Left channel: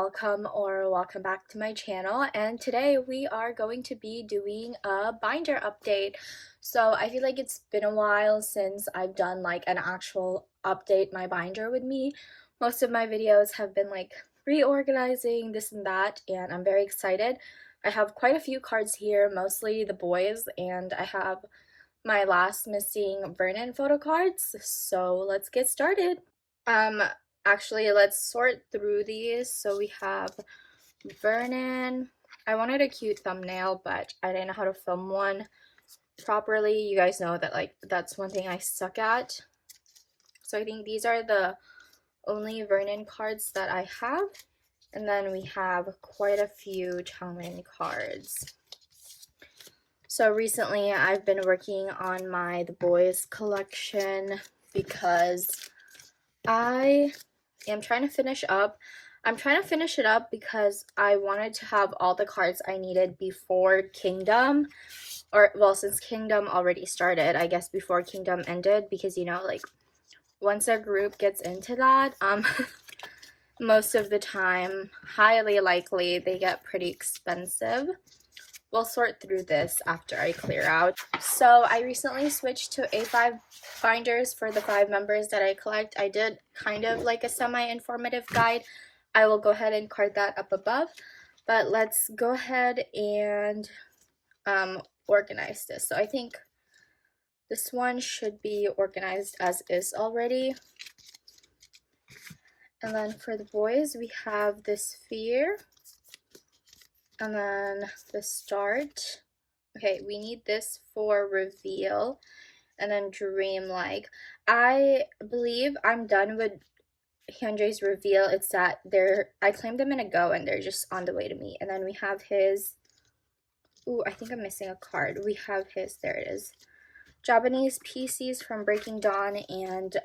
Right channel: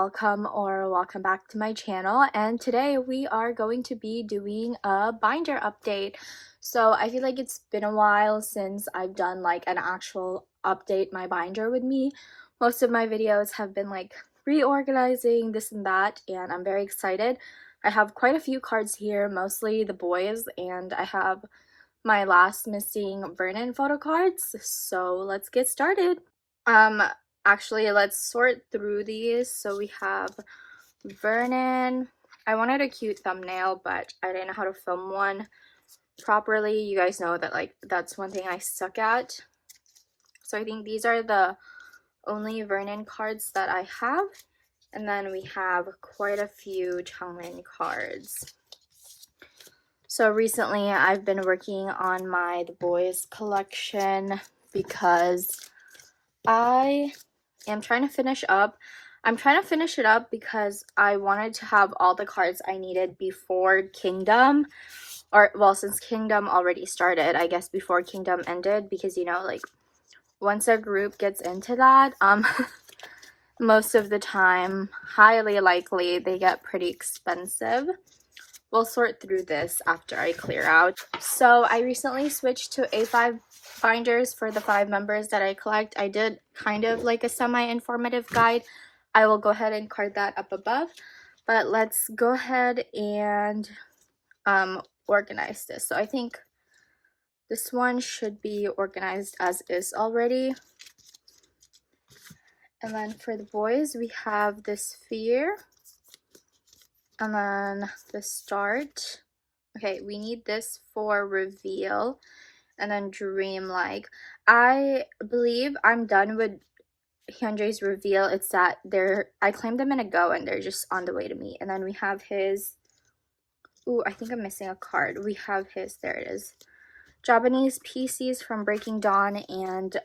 welcome back to my channel, and today we are going to be doing a binder update. So I feel like it's been a while since I've done like an actual update my binder with me. Most of my videos have been like reorganizing this and that, and I'm very excited. I have quite a few cards here, mostly the boys, and I have my last missing Vernon photo cards. So let's get started. Actually, let's sort through these. So we have Vernon. I wanted a cute thumbnail, but I didn't know how to film one properly. You guys know that like that's one thing I suck at. So I think these are the only Vernon cards that I have. And then we have quite a few Changmin cards. So recently I've been working on my The Boys collection because I am trying to finish up. I'm trying to finish it up because I wanted to have all the cards I needed before Kingdom, or well, since Kingdom already started, I guess before Kingdom ended, because you know, like once a group gets into that, most of the time, highly likely, they get pretty expensive. We'll sort through this after I clear out. So I recently switched to A5 binders for the 5 members that I collect. I did kind of like a semi-informative guide. I will go ahead and card that up above. But let's go ahead and organize this. So I think this one should be organized as is already. And then for the boys, we have the sphere. And then the start. Okay, we need this for reveal. And then dreamlike. I believe I'm done with Hyunjae's reveal. It's that I claimed them in a go and they're just on the way to me. And then we have his, ooh, I think I'm missing a card. We have his, there it is. Japanese PCs from Breaking Dawn, and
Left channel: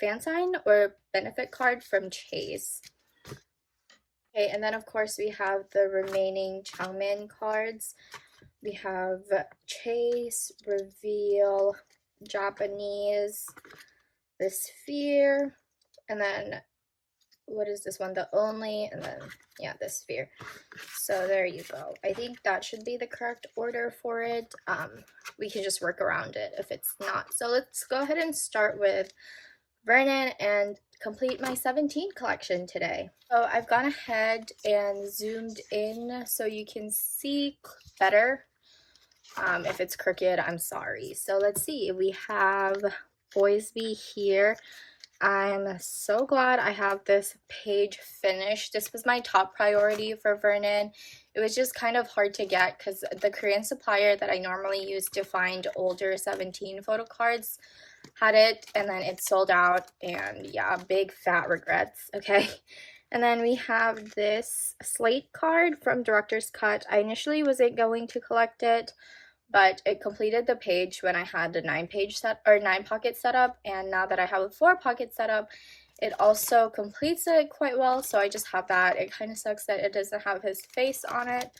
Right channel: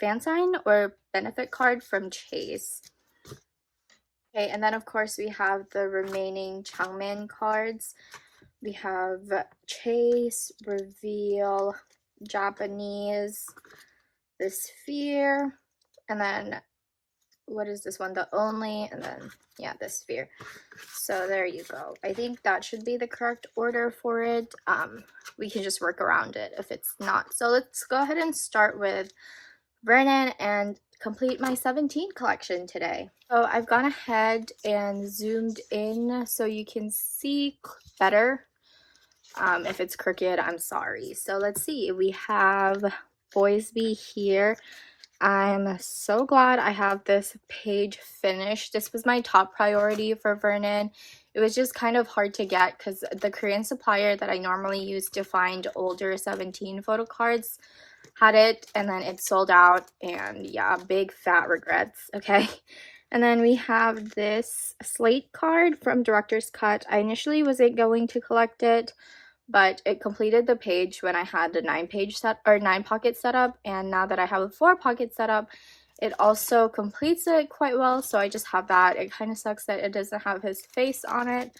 fan sign or benefit card from Chase. Okay, and then of course we have the remaining Changmin cards. We have Chase, Reveal, Japanese, the Sphere, and then what is this one? The Only, and then yeah, the Sphere. So there you go. I think that should be the correct order for it. We can just work around it if it's not. So let's go ahead and start with Vernon and complete my 17 collection today. So I've gone ahead and zoomed in so you can see better. If it's crooked, I'm sorry. So let's see, we have boyz here. I'm so glad I have this page finished. This was my top priority for Vernon. It was just kind of hard to get because the Korean supplier that I normally use to find older 17 photo cards had it, and then it sold out, and yeah, big fat regrets. Okay, and then we have this slate card from Director's Cut. I initially wasn't going to collect it, but it completed the page when I had the 9 pocket setup, and now that I have a 4 pocket setup, it also completes it quite well. So I just have that. It kind of sucks that it doesn't have his face on it,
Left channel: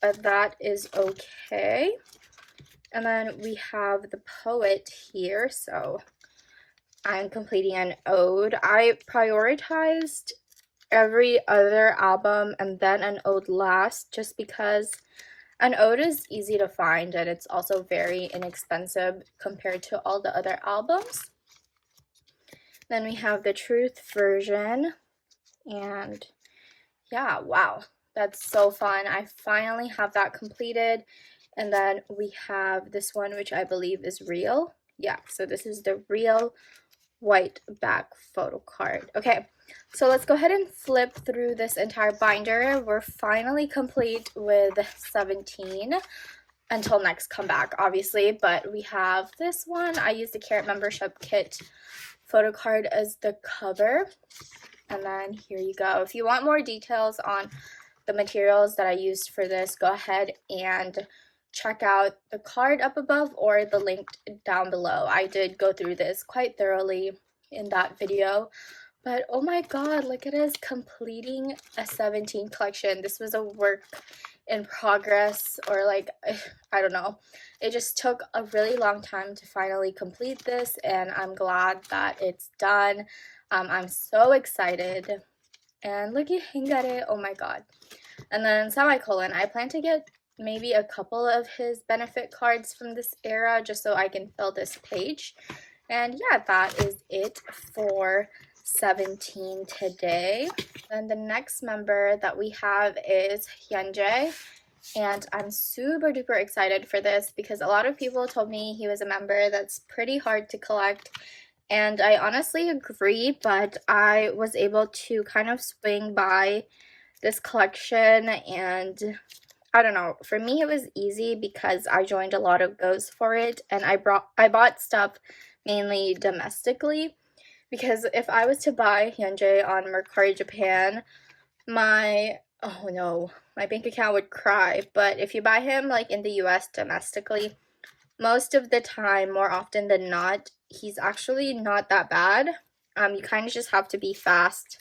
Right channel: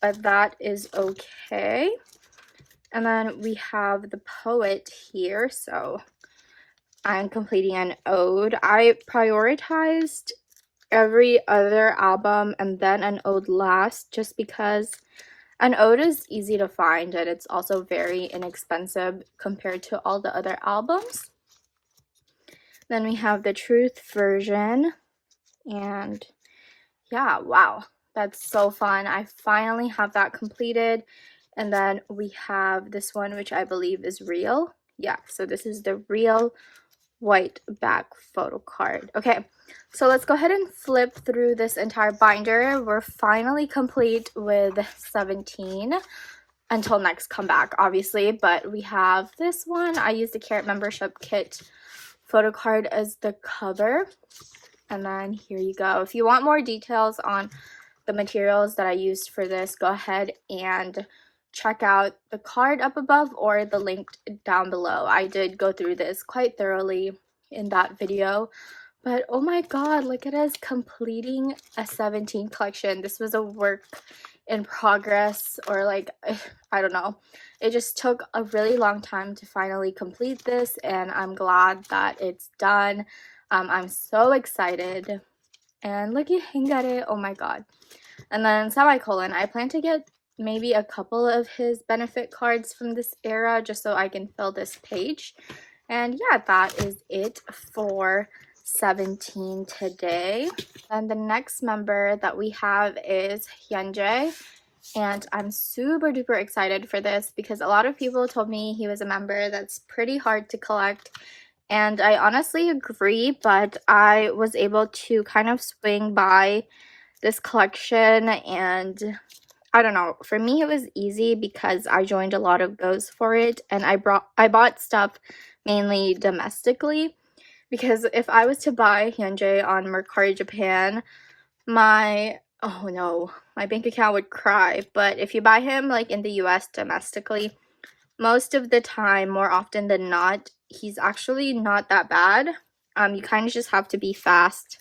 but that is okay. And then we have the poet here, so I'm completing an ode. I prioritized every other album and then an ode last, just because an ode is easy to find and it's also very inexpensive compared to all the other albums. Then we have the truth version, and yeah, wow, that's so fun. I finally have that completed. And then we have this one, which I believe is real. Yeah, so this is the real white back photo card. Okay, so let's go ahead and flip through this entire binder. We're finally complete with 17 until next comeback, obviously. But we have this one. I used the Carrot membership kit photo card as the cover. And then here you go. If you want more details on the materials that I used for this, go ahead and check out the card up above or the link down below. I did go through this quite thoroughly in that video, but oh my god, look at us completing a 17 collection. This was a work in progress, or like, I don't know. It just took a really long time to finally complete this, and I'm glad that it's done. I'm so excited. and look at Hingare, oh my god. And then semicolon, I plan to get maybe a couple of his benefit cards from this era just so I can fill this page. And yeah, that is it for 17 today. And the next member that we have is Hyunjae. And I'm super duper excited for this because a lot of people told me he was a member that's pretty hard to collect. And I honestly agree, but I was able to kind of swing by this collection, and I don't know, for me it was easy because I joined a lot of those for it, and I bought stuff mainly domestically, because if I was to buy Hyunjae on Mercari Japan, my bank account would cry. But if you buy him like in the US domestically, most of the time, more often than not, he's actually not that bad. You kind of just have to be fast.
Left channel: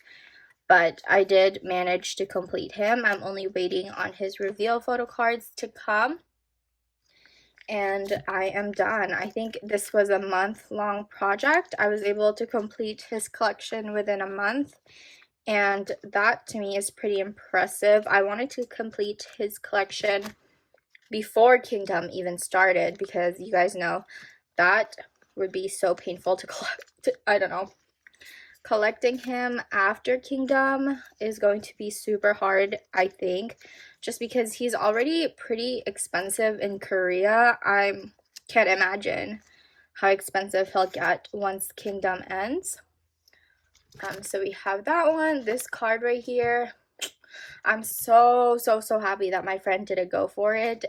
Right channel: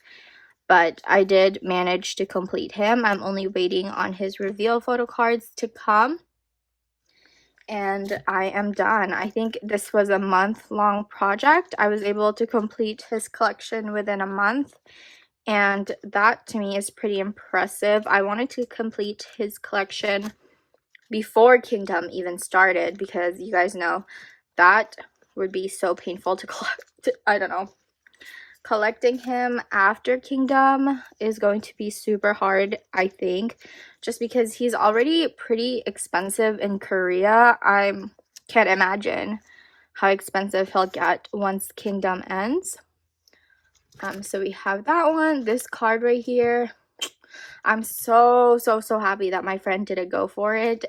But I did manage to complete him. I'm only waiting on his reveal photo cards to come. And I am done. I think this was a month-long project. I was able to complete his collection within a month. And that to me is pretty impressive. I wanted to complete his collection before Kingdom even started because you guys know that would be so painful to collect. I don't know. Collecting him after Kingdom is going to be super hard, I think, just because he's already pretty expensive in Korea. I can't imagine how expensive he'll get once Kingdom ends. So we have that one. This card right here, I'm so happy that my friend did a go for it.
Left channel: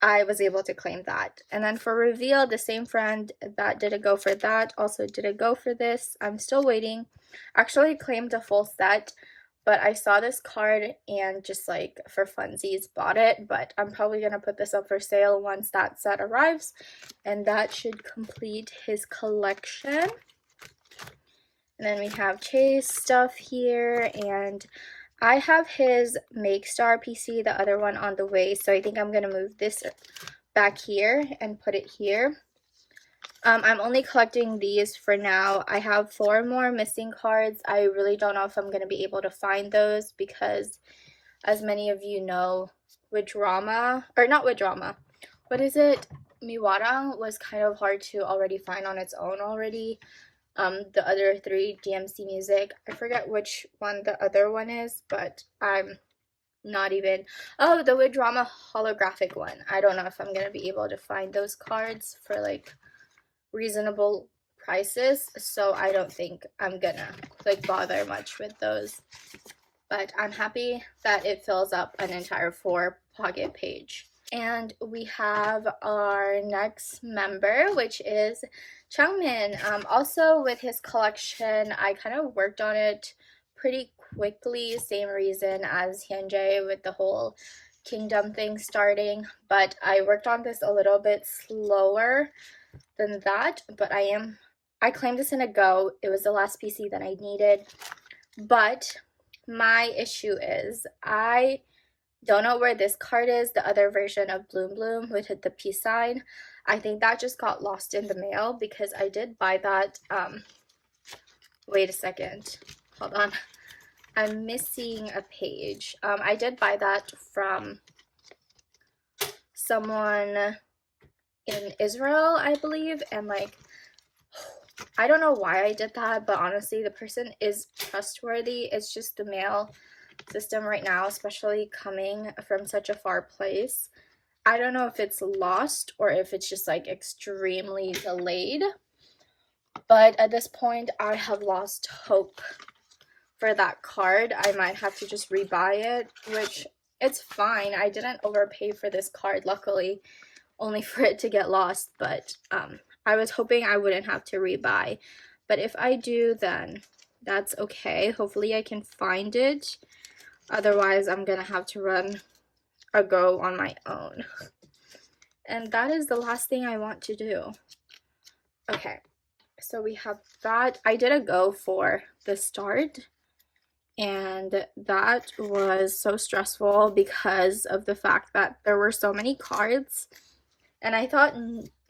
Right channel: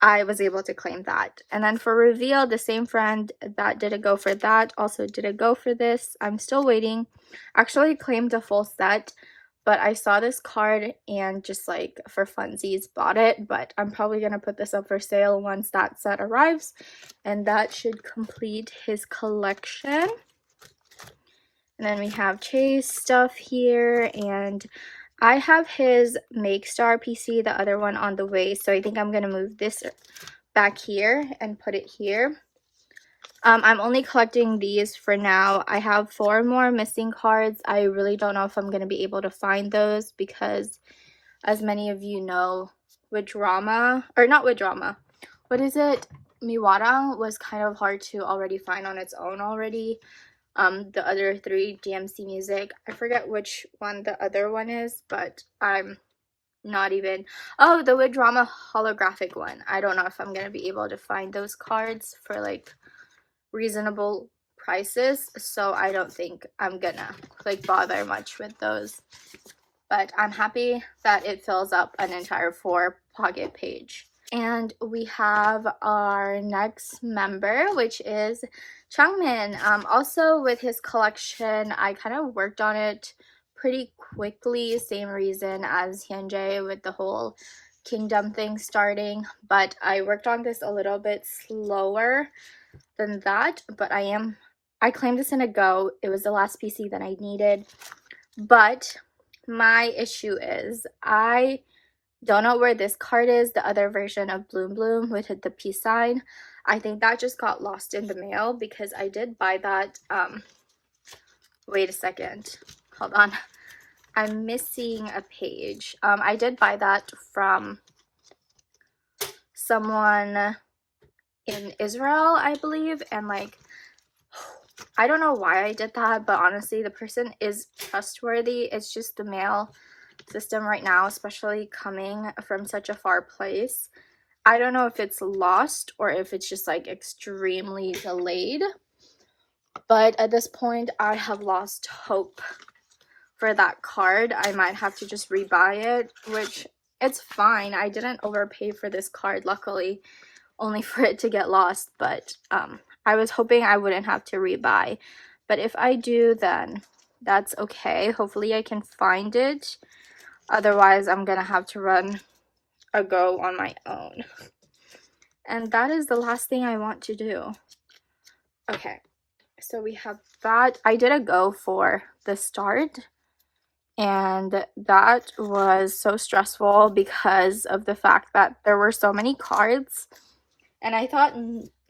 I was able to claim that. And then for reveal, the same friend that did a go for that also did a go for this. I'm still waiting. Actually claimed a full set, but I saw this card and just like for funsies bought it. But I'm probably going to put this up for sale once that set arrives. And that should complete his collection. And then we have Chase stuff here, and I have his Make Star PC, the other one, on the way, so I think I'm going to move this back here and put it here. I'm only collecting these for now. I have 4 more missing cards. I really don't know if I'm going to be able to find those because, as many of you know, Miwarang was kind of hard to already find on its own already. The other 3, DMC Music, I forget which one the other one is, but I'm not even, oh, the Drama holographic one. I don't know if I'm gonna be able to find those cards for like reasonable prices, so I don't think I'm gonna like bother much with those. But I'm happy that it fills up an entire 4 pocket page. And we have our next member, which is Changmin. Also with his collection, I kind of worked on it pretty quickly, same reason as Hyunjae with the whole Kingdom thing starting, but I worked on this a little bit slower than that. But I claimed this in a go. It was the last PC that I needed, but my issue is I don't know where this card is, the other version of Bloom Bloom with the peace sign. I think that just got lost in the mail because I did buy that. Wait a second. Hold on. I'm missing a page. I did buy that from someone in Israel, I believe. And like, I don't know why I did that, but honestly, the person is trustworthy. It's just the mail system right now, especially coming from such a far place. I don't know if it's lost or if it's just like extremely delayed, but at this point I have lost hope for that card. I might have to just rebuy it, which it's fine. I didn't overpay for this card, luckily, only for it to get lost, but I was hoping I wouldn't have to rebuy. But if I do, then that's okay. Hopefully I can find it. Otherwise, I'm gonna have to run a go on my own. And that is the last thing I want to do. Okay, so we have that. I did a go for the start, and that was so stressful because of the fact that there were so many cards, and I thought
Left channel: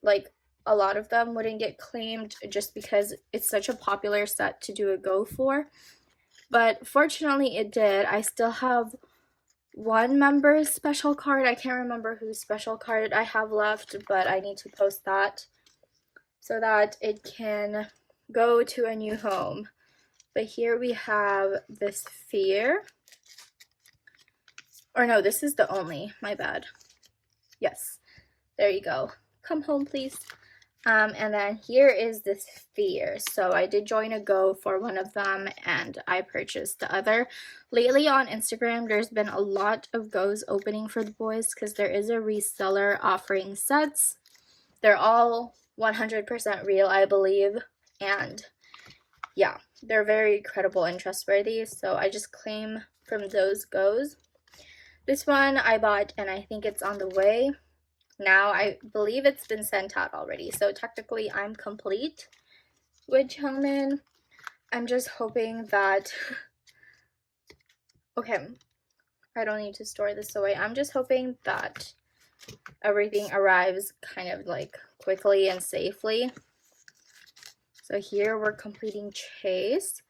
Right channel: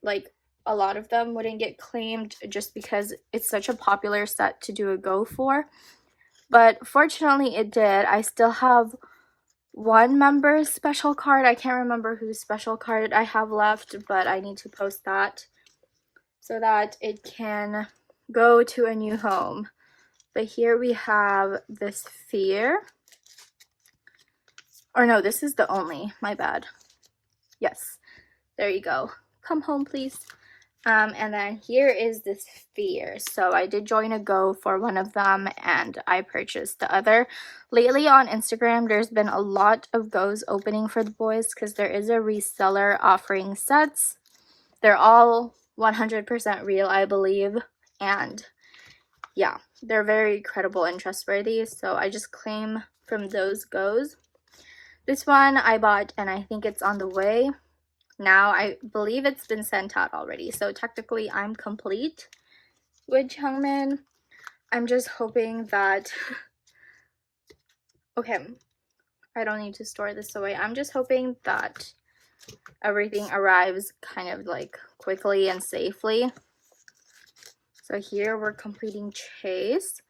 like a lot of them wouldn't get claimed just because it's such a popular set to do a go for. but fortunately it did. I still have one member's special card. I can't remember whose special card I have left, but I need to post that so that it can go to a new home. But here we have this sphere. Or no, this is the only, my bad. Yes, there you go. Come home, please. And then here is the sphere. So I did join a go for one of them and I purchased the other. Lately on Instagram, there's been a lot of goes opening for the boys because there is a reseller offering sets. They're all 100% real, I believe. And yeah, they're very credible and trustworthy. So I just claim from those goes. This one I bought and I think it's on the way. Now I believe it's been sent out already. So technically I'm complete with Changmin. I'm just hoping that, okay, I don't need to store this away. I'm just hoping that everything arrives kind of like quickly and safely. So here we're completing Chase.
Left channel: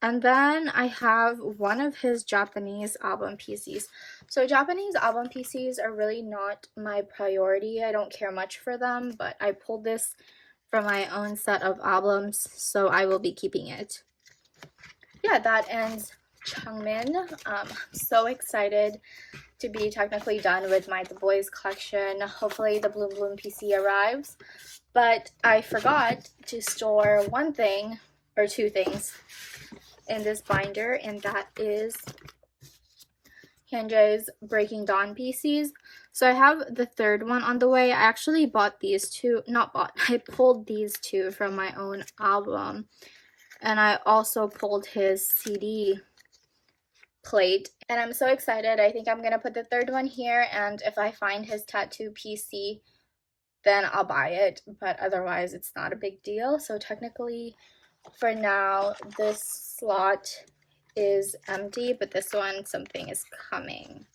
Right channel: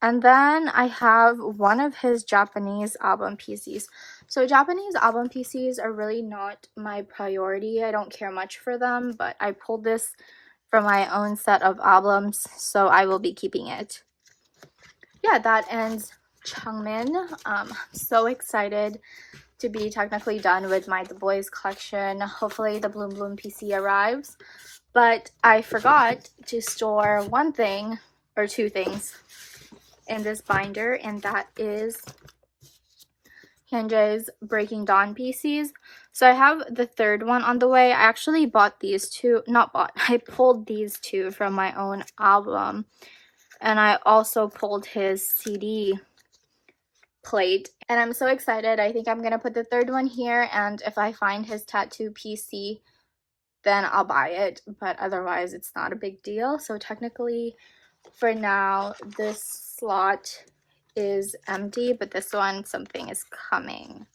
And then I have one of his Japanese album PCs. So Japanese album PCs are really not my priority. I don't care much for them, but I pulled this from my own set of albums, so I will be keeping it. Yeah, that ends Changmin. I'm so excited to be technically done with my The Boyz collection. Hopefully the Bloom Bloom PC arrives. But I forgot to store one thing, or two things, in this binder, and that is Hyunjae's Breaking Dawn PCs. So I have the third one on the way. I actually bought these two, I pulled these two from my own album. And I also pulled his CD plate. And I'm so excited. I think I'm going to put the third one here. And if I find his tattoo PC, then I'll buy it. But otherwise, it's not a big deal. So technically, for now, this slot is empty, but this one, something is coming.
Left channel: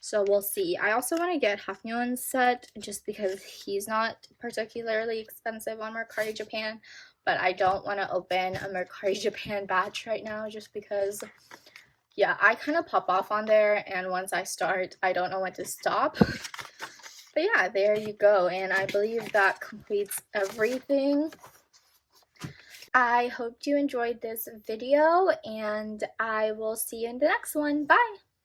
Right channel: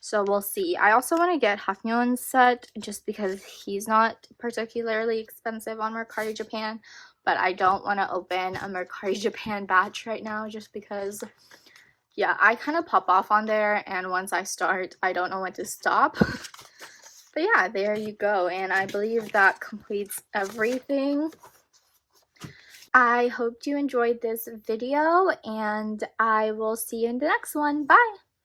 So we'll see. I also want to get Haknyeon's set just because he's not particularly expensive on Mercari Japan, but I don't want to open a Mercari Japan batch right now just because, yeah, I kind of pop off on there, and once I start, I don't know when to stop. But yeah, there you go, and I believe that completes everything. I hope you enjoyed this video, and I will see you in the next one. Bye!